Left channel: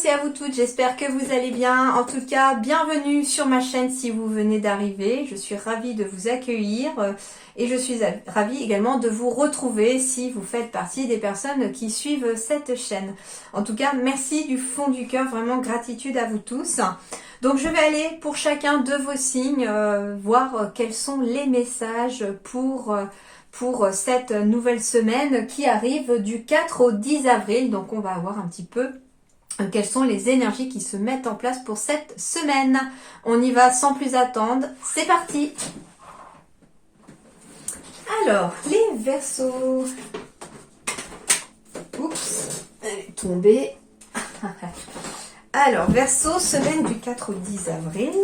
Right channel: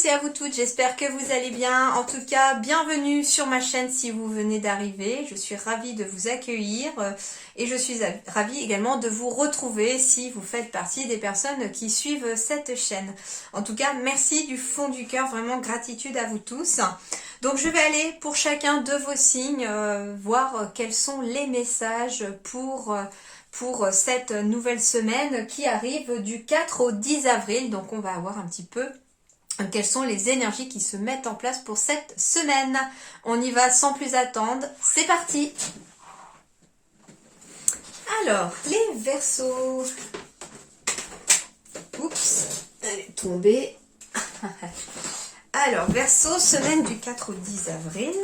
tous et à vous toutes, j'espère que vous allez bien. En tout cas, bienvenue sur ma chaîne si vous venez d'arriver. Je suis ravie de vous accueillir et je suis ravie également de vous retrouver si vous faites partie des personnes qui suivent cette chaîne. En tout cas, merci du fond du cœur, vraiment gratitude à vous tous. Donc je vais aller pour chacun de vos signes voir quels sont les messages pour cette nouvelle semaine qui arrive du 4 au 10 avril. Donc on va voir un petit peu quelles sont les énergies qui se mettent en place pour cette semaine. On y va sans plus attendre. C'est parti. Alors, les Verseaux. Oups, elle est tombée. Alors, Verseau, semaine du 4 au 10 avril.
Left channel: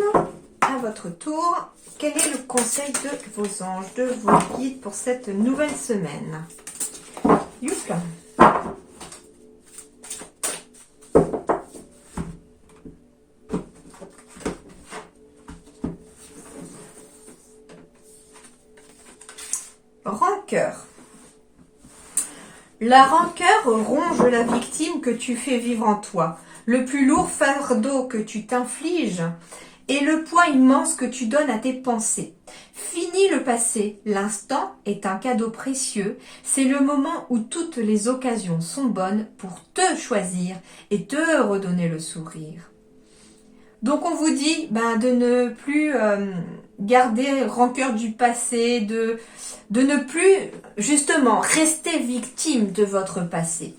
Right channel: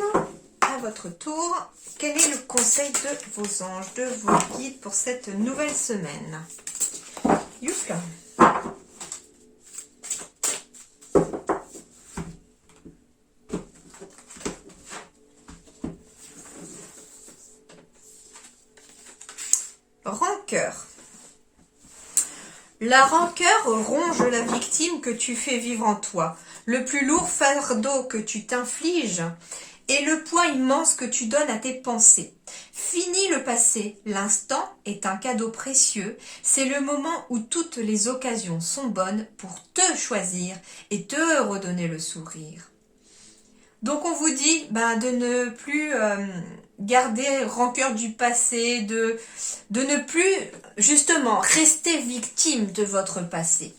À votre tour, quel est le conseil de vos anges, de vos guides pour cette nouvelle semaine? Youpla. Rancœur. La rancœur ronge la victime que tu fais vivre en toi. Le plus lourd fardeau que tu t'infliges et le poids immense que tu donnes à tes pensées. Fini le passé, l'instant est un cadeau précieux, c'est le moment où toutes les occasions sont bonnes pour te choisir et te redonner le sourire. Donc on vous dit de ne plus garder rancœur du passé, de ne plus justement rester victime de votre passé.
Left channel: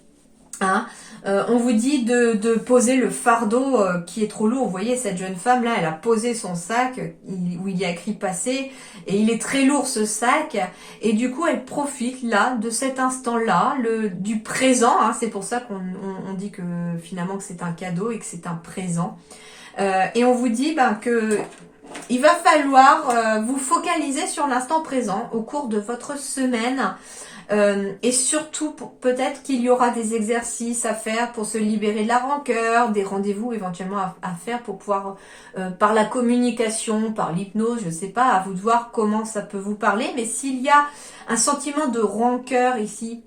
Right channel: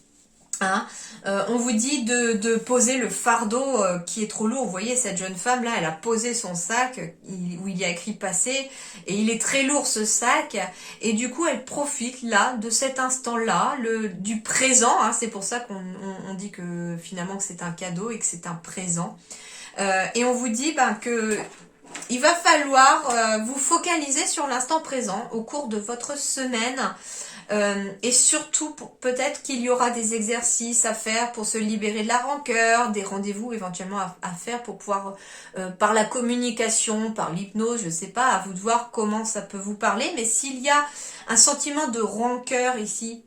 On vous dit de poser le fardeau qui est trop lourd. Vous voyez, cette jeune femme là, elle a posé son sac où il y a écrit passé et il est très lourd ce sac et du coup elle profite là de cet instant là, du présent. C'est pour ça qu'on dit que finalement que c'est un cadeau et que c'est un présent. Et on vous dit que il va falloir vous focaliser sur l'instant présent au cours de votre semaine. Et surtout, peut-être qu'il y aura des exercices à faire pour se libérer de la rancœur, des rendez-vous éventuellement à faire pour pouvoir, par la communication, par l'hypnose, je sais pas, à vous de voir comment ça peut vous parler. Mais s'il y a un sentiment de rancœur ici,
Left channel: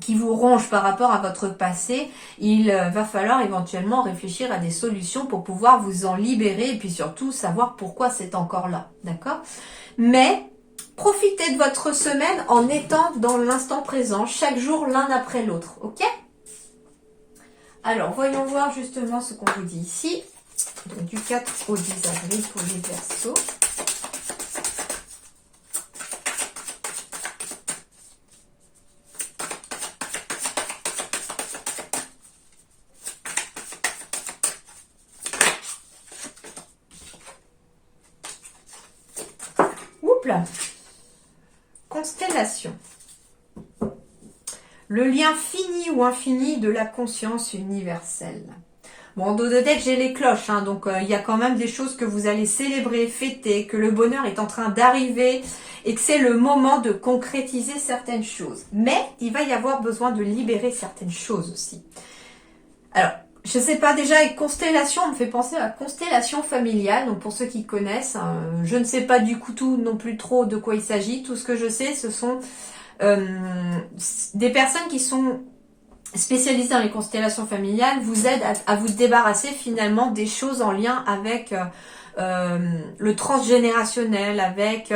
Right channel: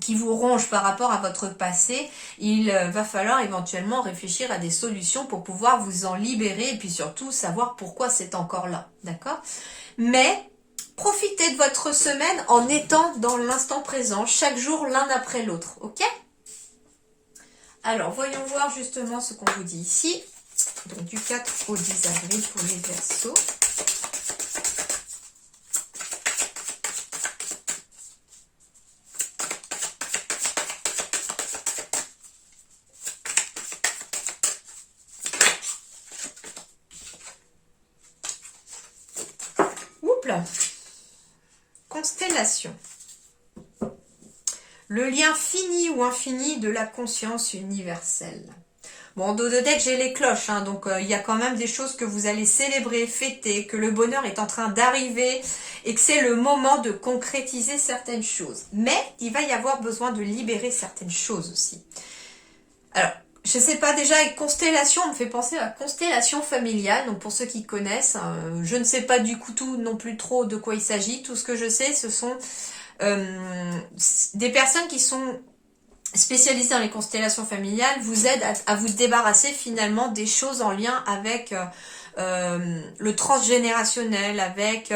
qui vous ronge par rapport à votre passé, il va falloir éventuellement réfléchir à des solutions pour pouvoir vous en libérer et puis surtout savoir pourquoi c'est encore là, d'accord? Mais profitez de votre semaine en étant dans l'instant présent, chaque jour l'un après l'autre, ok? Alors, voyons voir justement ce qu'on vous dit ici, donc du 4 au 10 avril pour les Verseaux. Constellation. Le lien fini ou infini de la conscience universelle. Bon, dos de deck, j'ai les cloches, donc il y a quand même des choses que vous allez célébrer, fêter, que le bonheur est en train d'arriver et que c'est le moment de concrétiser certaines choses. Mais il va y avoir besoin de libérer certaines choses aussi. Alors, je sais pas, déjà avec constellation, on me fait penser à constellation familiale. Donc pour ceux qui connaissent, je ne sais pas du coup tout non plus trop de quoi il s'agit. Tout ce que je sais, ce sont des personnes qui sont spécialisées dans les constellations familiales, vous aident à vous débarrasser finalement des choses en lien avec le transgénérationnel, avec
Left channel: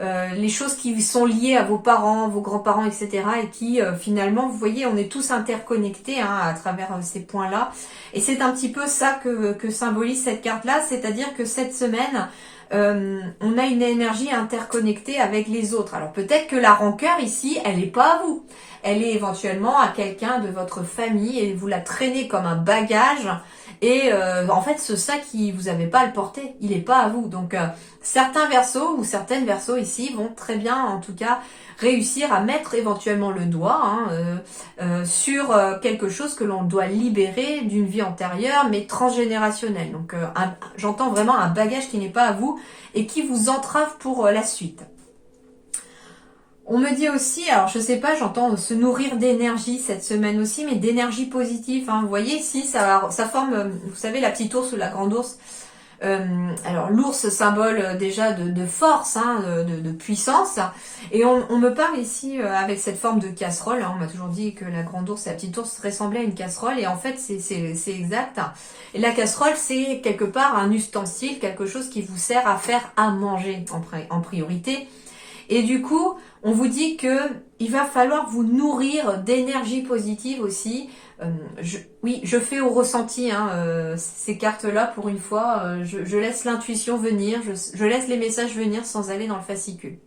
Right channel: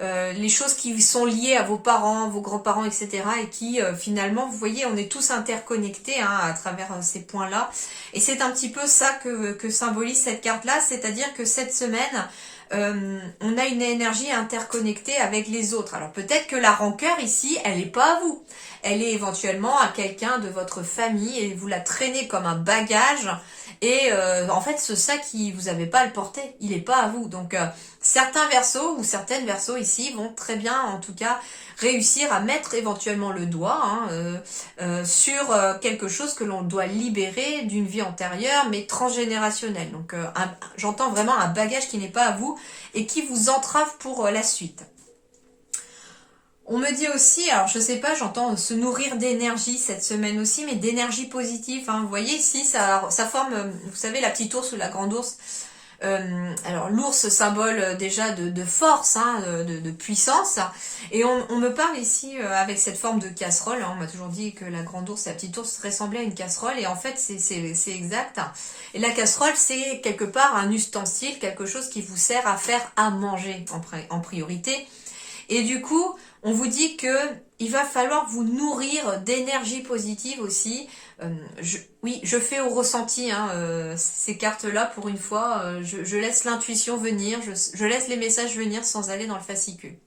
les choses qui sont liées à vos parents, vos grands-parents, etc. Et qui finalement, vous voyez, on est tous interconnectés à travers ces points-là. Et c'est un petit peu ça que symbolise cette carte-là, c'est-à-dire que cette semaine, on a une énergie interconnectée avec les autres. Alors peut-être que la rancœur ici, elle n'est pas à vous. Elle est éventuellement à quelqu'un de votre famille et vous la traînez comme un bagage. Et en fait, ce sac, vous n'avez pas à le porter, il n'est pas à vous. Donc, certains Verseaux ou certaines Verseaux ici vont très bien, en tout cas, réussir à mettre éventuellement le doigt sur quelque chose que l'on doit libérer d'une vie antérieure, mais transgénérationnelle. Donc, j'entends vraiment un bagage qui n'est pas à vous et qui vous entrave pour la suite. On me dit aussi, alors je sais pas, j'entends se nourrir d'énergie cette semaine aussi, mais d'énergie positive. Vous voyez ici, ça forme, vous savez, la petite ours ou la grande ours. Alors l'ours, symbole déjà de force, hein, de puissance. Et on me parle ici avec cette forme de casserole. Hein, on m'a toujours dit que la grande ours et la petite ours ressemblaient à une casserole. Et en fait, c'est exact. Et la casserole, c'est quelque part un ustensile, quelque chose qui vous sert à faire à manger en priorité. Et du coup, on vous dit que il va falloir vous nourrir d'énergie positive aussi. Oui, je fais au ressenti hein, ces cartes-là pour une fois. Je laisse l'intuition venir, je laisse les messages venir sans aller dans le fascicule.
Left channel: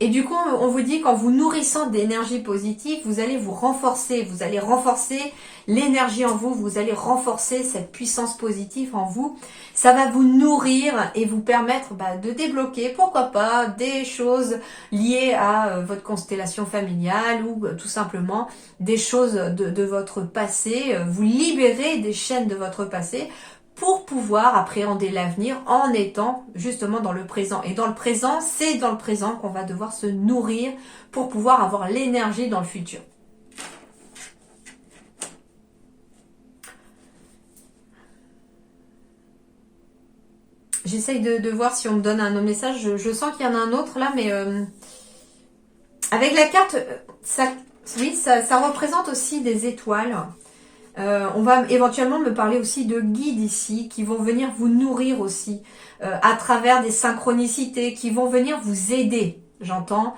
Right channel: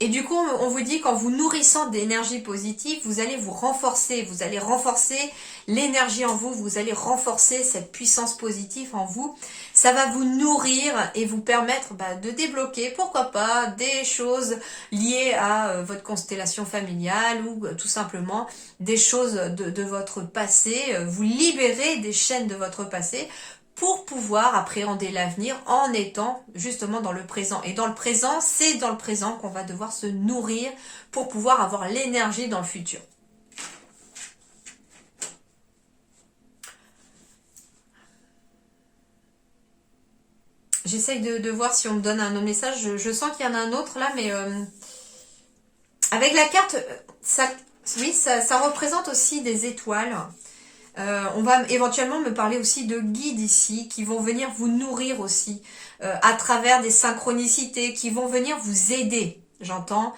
Et du coup, on vous dit qu'en vous nourrissant d'énergie positive, vous allez renforcer l'énergie en vous, vous allez renforcer cette puissance positive en vous. Ça va vous nourrir et vous permettre de débloquer, pourquoi pas, des choses liées à votre constellation familiale ou tout simplement des choses de votre passé, vous libérer des chaînes de votre passé pour pouvoir appréhender l'avenir en étant justement dans le présent. Et dans le présent, c'est dans le présent qu'on va devoir se nourrir pour pouvoir avoir l'énergie dans le futur. J'essaye de voir si on me donne un autre message. Je sens qu'il y en a un autre là, mais avec la carte, ça représente aussi des étoiles. On va éventuellement me parler aussi de guides ici qui vont venir vous nourrir aussi à travers des synchronicités, qui vont venir vous aider, j'entends.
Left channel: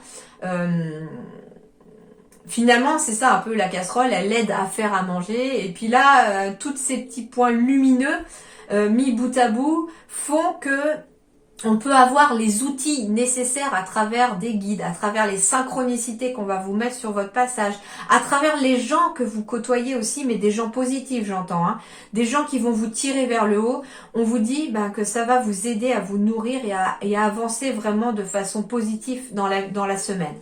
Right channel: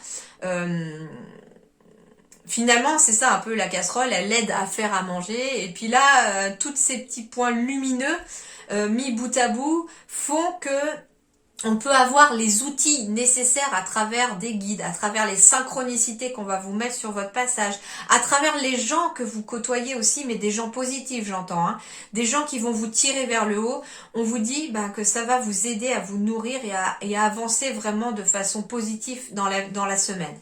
Finalement, c'est ça un peu la casserole, elle aide à faire à manger. Et puis là, tous ces petits points lumineux mis bout à bout font que on peut avoir les outils nécessaires à travers des guides, à travers les synchronicités qu'on va vous mettre sur votre passage, à travers les gens que vous côtoyez aussi, mais des gens positifs, j'entends, hein, des gens qui vont vous tirer vers le haut. On vous dit que ça va vous aider à vous nourrir et à avancer vraiment de façon positive dans la semaine.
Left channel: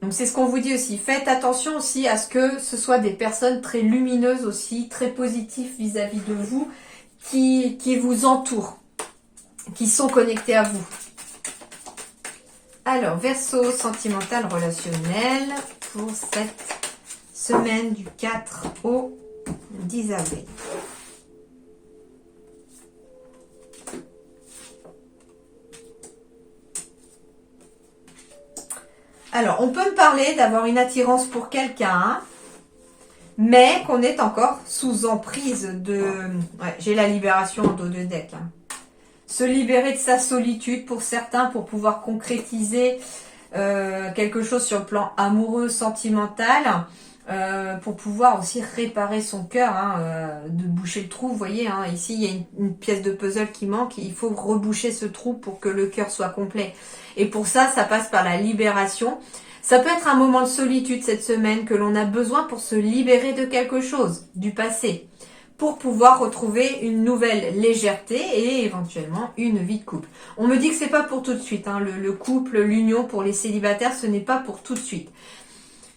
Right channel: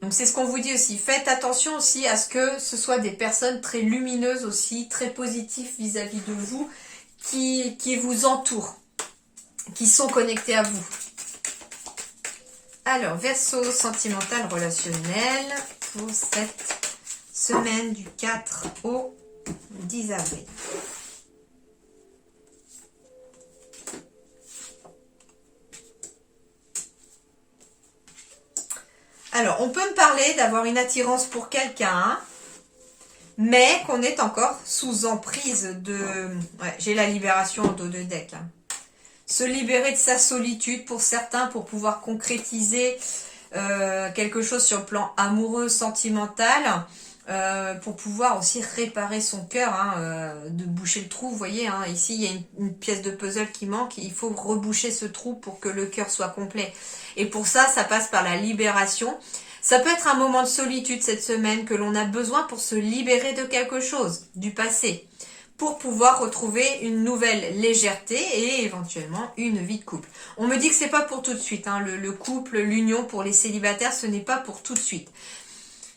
Donc c'est ce qu'on vous dit aussi. Faites attention aussi à ce que ce soit des personnes très lumineuses aussi, très positives vis-à-vis de vous, qui vous entourent, qui sont connectés à vous. Alors, Verseau, sentimental, relationnel, pour cette semaine du 4 au 10 avril. Alors, on peut me parler d'avoir une attirance pour quelqu'un, mais qu'on est encore sous emprise de... Ouais, j'ai la libération en dos de deck. Hein. Se libérer de sa solitude pour certains, pour pouvoir concrétiser quelque chose sur le plan amoureux, sentimental, pour pouvoir aussi réparer son cœur, hein, de boucher le trou. Vous voyez, hein, ici, il y a une pièce de puzzle qui manque. Il faut reboucher ce trou pour que le cœur soit complet. Et pour ça, ça passe par la libération. Ça peut être un moment de solitude cette semaine que l'on a besoin pour se libérer de quelque chose, du passé, pour pouvoir retrouver une nouvelle légèreté et éventuellement une vie de couple. On me dit que c'est pas pour tout de suite, hein, le couple, l'union pour les célibataires, ce n'est pas pour tout de suite.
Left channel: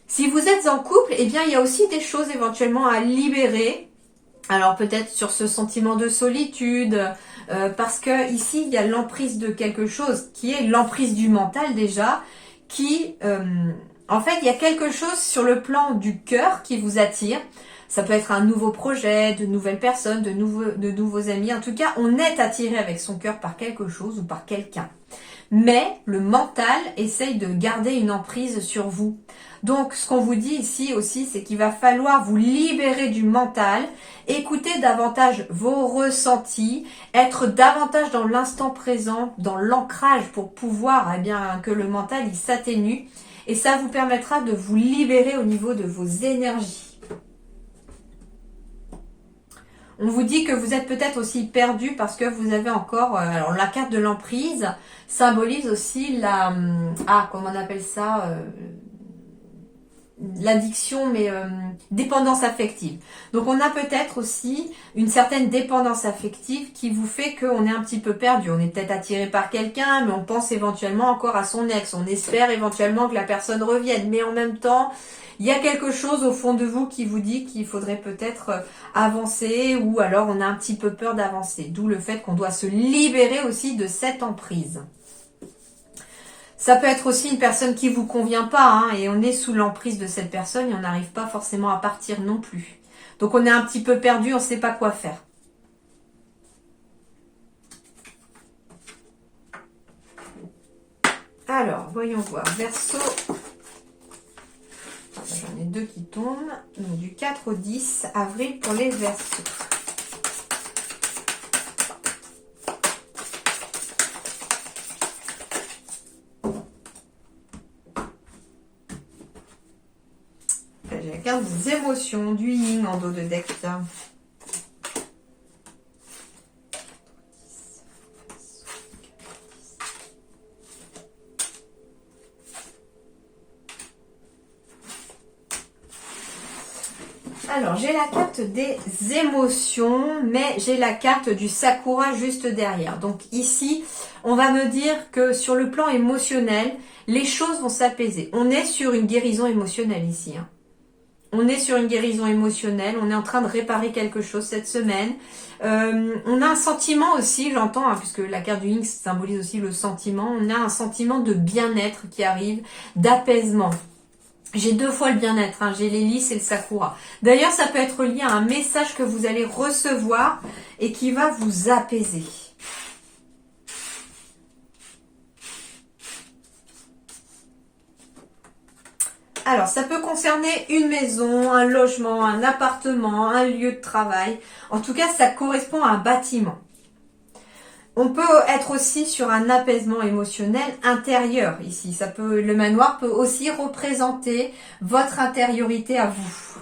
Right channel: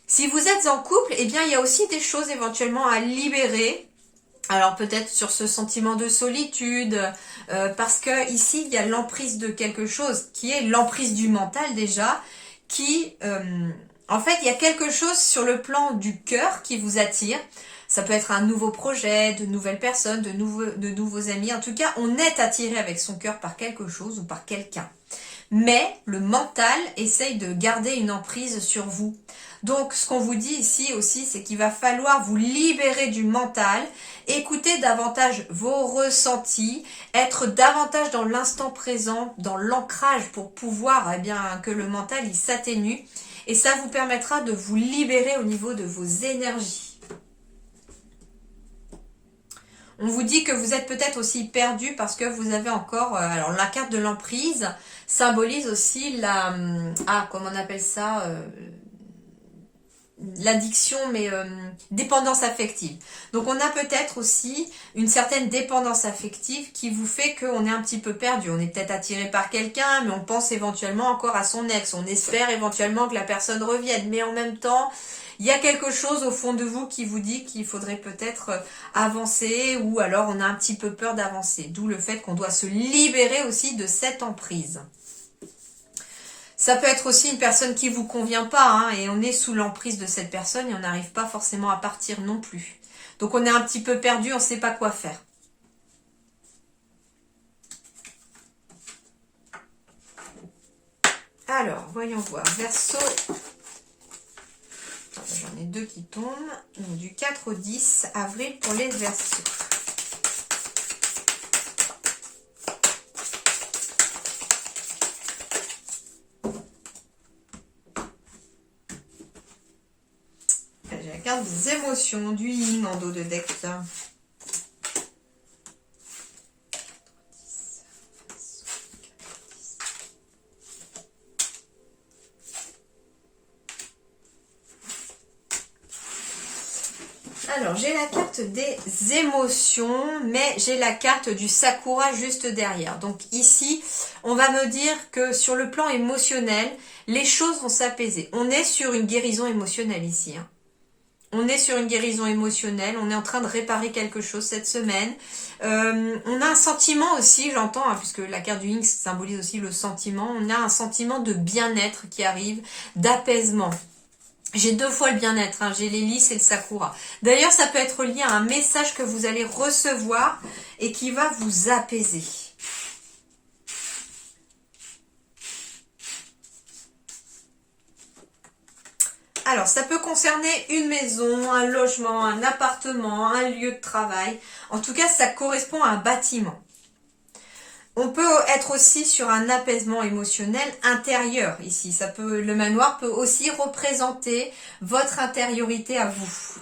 Si vous êtes en couple, eh bien il y a aussi des choses éventuellement à libérer. Alors peut-être sur ce sentiment de solitude, parce que ici il y a l'emprise de quelque chose qui est l'emprise du mental déjà, qui, en fait, il y a quelque chose sur le plan du cœur qui vous attire. Ça peut être un nouveau projet, de nouvelles personnes, de nouveaux amis. En tout cas, on est attiré avec son cœur par quelque chose ou par quelqu'un. Mais le mental essaye de garder une emprise sur vous. Donc, ce qu'on vous dit ici aussi, c'est qu'il va falloir vous libérer du mental, écouter davantage vos ressentis, être davantage dans l'instant présent, dans l'ancrage pour pouvoir, que le mental il s'atténue. Et ça vous permettra de vous libérer au niveau de vos énergies. On vous dit que vous êtes peut-être aussi perdu parce que vous avez encore... alors, la carte de l'emprise symbolise aussi la... comment on appelle ça l'addiction, mais dépendance affective. Donc, on a peut-être aussi une certaine dépendance affective qui vous fait qu'on est un petit peu perdu. On est peut-être attiré par quelqu'un, mais on pense éventuellement encore à son ex. On espère éventuellement que la personne revienne. Mais en même temps, il y a quelque chose au fond de vous qui vous dit qu'il faudrait peut-être avancer ou alors on a un petit peu peur d'avancer. D'où le fait qu'on doit se libérer aussi de cette emprise. Ça peut être aussi une personne qui vous convient pas, hein, et on est sous l'emprise de cette personne et on n'arrive pas forcément à partir non plus. Donc on est un petit peu perdu, on ne sait pas quoi faire. Alors, voyons voir. Verseau. J'en ai 2 qui tombent. Donc, du 4 au 10 avril pour les Verseaux. J'ai la carte des émotions, du yin en dos de deck. Alors, j'ai la carte des émotions, mais j'ai la carte du Sakura juste derrière. Donc ici, on va me dire que sur le plan émotionnel, les choses vont s'apaiser. On est sur une guérison émotionnelle ici. Hein. On est sur une guérison émotionnelle, on est en train de réparer quelque chose cette semaine. On a un sentiment aussi, j'entends, hein, puisque la carte du Yin symbolise aussi le sentiment. On a un sentiment de bien-être qui arrive, d'apaisement. J'ai 2 fois le bien-être, hein, j'ai l'hélice et le sakura. D'ailleurs, ça peut être lié à un message que vous allez recevoir et qui va vous apaiser. Alors, ça peut concerner une maison, un logement, un appartement, un lieu de travail. En tout cas, ça correspond à un bâtiment. On peut être aussi sur un apaisement émotionnel intérieur ici. Le manoir peut aussi représenter votre intériorité à vous.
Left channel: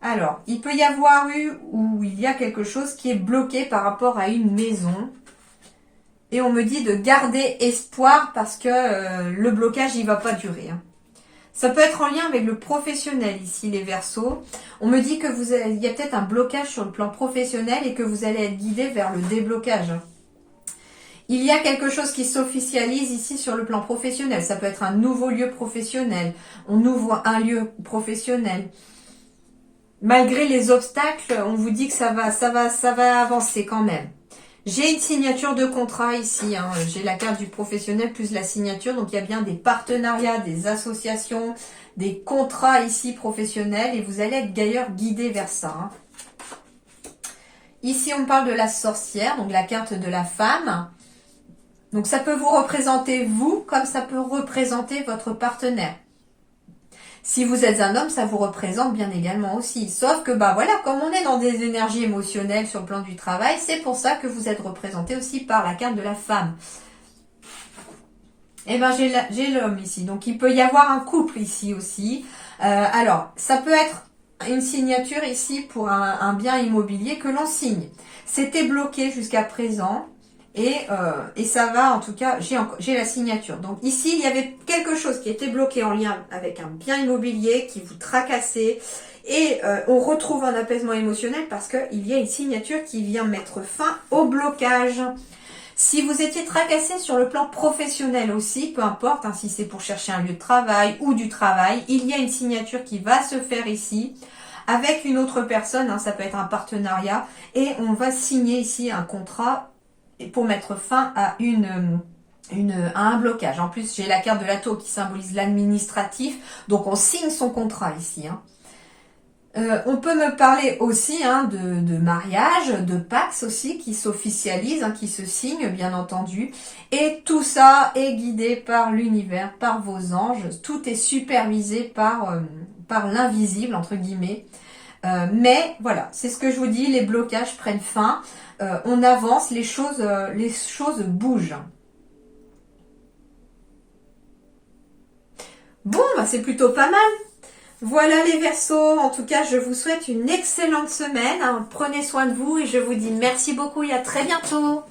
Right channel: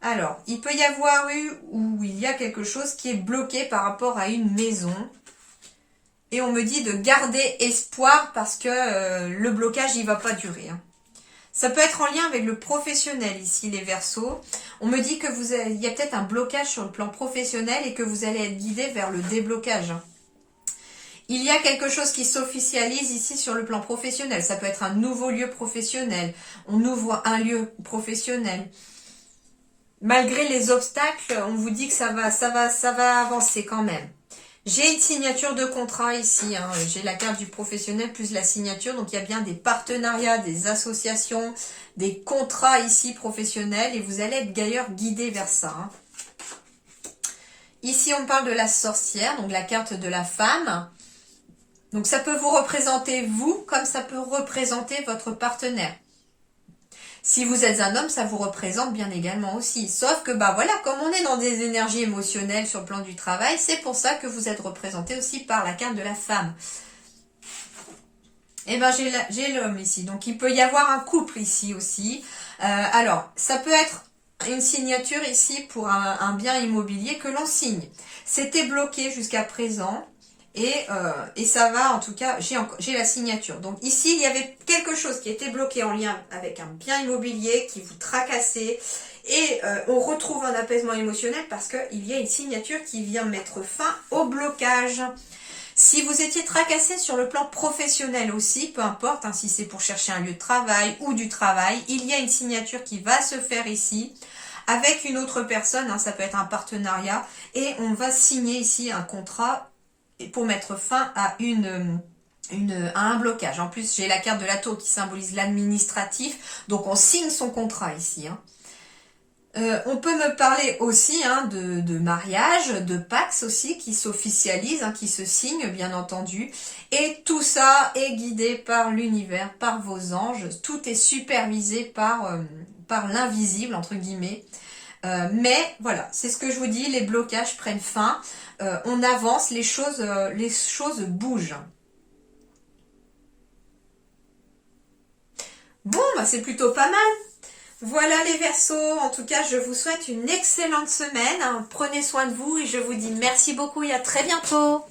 Alors, il peut y avoir il y a quelque chose qui est bloqué par rapport à une maison. Et on me dit de garder espoir parce que le blocage, il ne va pas durer. Hein. Ça peut être en lien avec le professionnel ici, les Verseaux. On me dit que il y a peut-être un blocage sur le plan professionnel et que vous allez être guidé vers le déblocage. Il y a quelque chose qui s'officialise ici sur le plan professionnel. Ça peut être un nouveau lieu professionnel. On ouvre un lieu professionnel. Malgré les obstacles, on vous dit que ça va avancer quand même. J'ai une signature de contrat ici, hein. J'ai la carte du professionnel plus la signature, donc il y a bien des partenariats, des associations, des contrats ici professionnels et vous allez être d'ailleurs guidé vers ça. Hein. Ici on parle de la sorcière, donc la carte de la femme. Donc ça peut vous représenter vous comme ça peut représenter votre partenaire. Si vous êtes un homme, ça vous représente bien également aussi. Sauf que, voilà, comme on est dans des énergies émotionnelles sur le plan du travail, c'est pour ça que vous êtes représenté aussi par la carte de la femme. Et j'ai l'homme ici. Donc, il peut y avoir un couple ici aussi. Alors, ça peut être une signature ici pour un bien immobilier que l'on signe. C'était bloqué jusqu'à présent. Et ça va, en tout cas, j'ai la signature. Donc ici, il y avait quelque chose qui était bloqué en lien avec un bien immobilier qui vous tracassait. Et on retrouve un apaisement émotionnel parce qu'il y a une signature qui vient mettre fin au blocage. Si vous étiez tracassé sur le plan professionnel aussi, peu importe, hein, si c'est pour chercher un lieu de travail ou du travail, il y a une signature qui va se faire ici avec une autre personne, hein, ça peut être un partenariat. Et on va signer ici un contrat pour mettre fin à un blocage. En plus, j'ai la carte de la tour qui symbolise l'administratif. Donc, on signe son contrat ici. Hein. On peut me parler aussi de mariage, de Pax aussi, qui s'officialise, qui se signe, bien entendu. Et tout ça est guidé par l'univers, par vos anges. Tout est supervisé par l'invisible, entre guillemets. Mais voilà, c'est ce que je vous dis, les blocages prennent fin. On avance, les choses bougent. Bon, c'est plutôt pas mal. Voilà les Verseaux, en tout cas je vous souhaite une excellente semaine. Prenez soin de vous et je vous dis merci beaucoup et à très bientôt.